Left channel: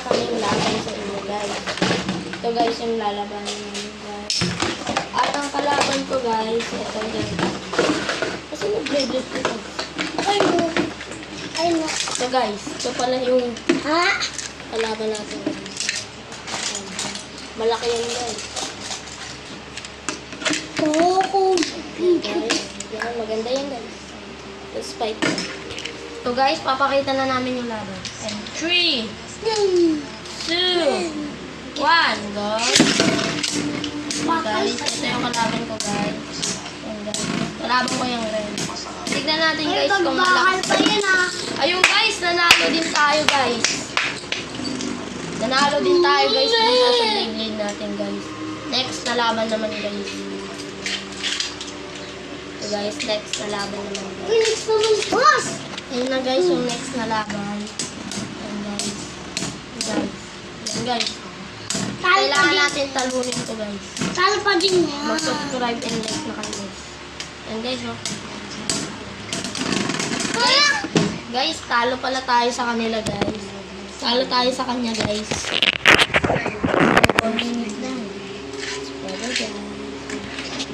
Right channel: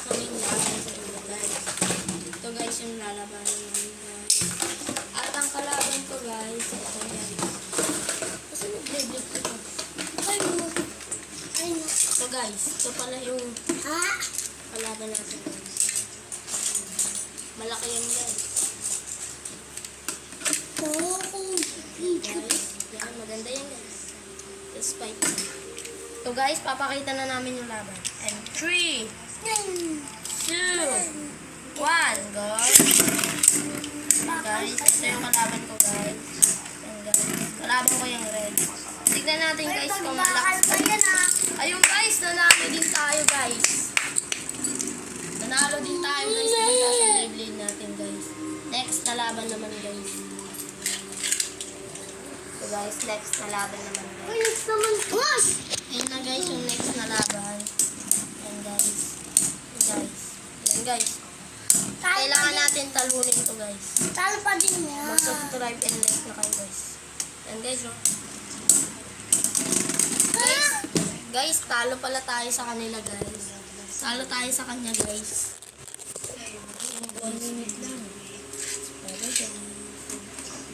kaming laban sa inyo guys. Ito guys yung lalabanan namin guys. At ang kalaban ko guys, ito guys. Kasi nag-blade ko guys. Ay mo. Ay mo. Ito guys, ito pala yung Ha? kalaban natin guys. Ayan. Malaki yan guys. Oo. Guys, yan, maganda yan guys. Let's fight. So guys, papakita na namin yung laban. And 3, 2, 1, go! Guys, ito yung kalaban ko guys. Yan guys. Kalaban ko yung red. Tignan natin guys kung Bakal malakas. pa yan ah. Ayun guys, nanalo din tayo guys. Nanalo din tayo guys dito sa Beyblade natin guys. Next na laban naman guys. So guys, next na laban naman guys. Uy, next naman. Boss! Ayun na guys, yung next na laban. Ayan guys. Guys. Ayan guys. Kailangan natin talunin to guys. Talo pa din yan. Mag-subscribe and like na kayo guys. Ayan guys, oh. Ah! Guys, talo pala tayo sa kanila guys. Talo tayo sa kanya guys.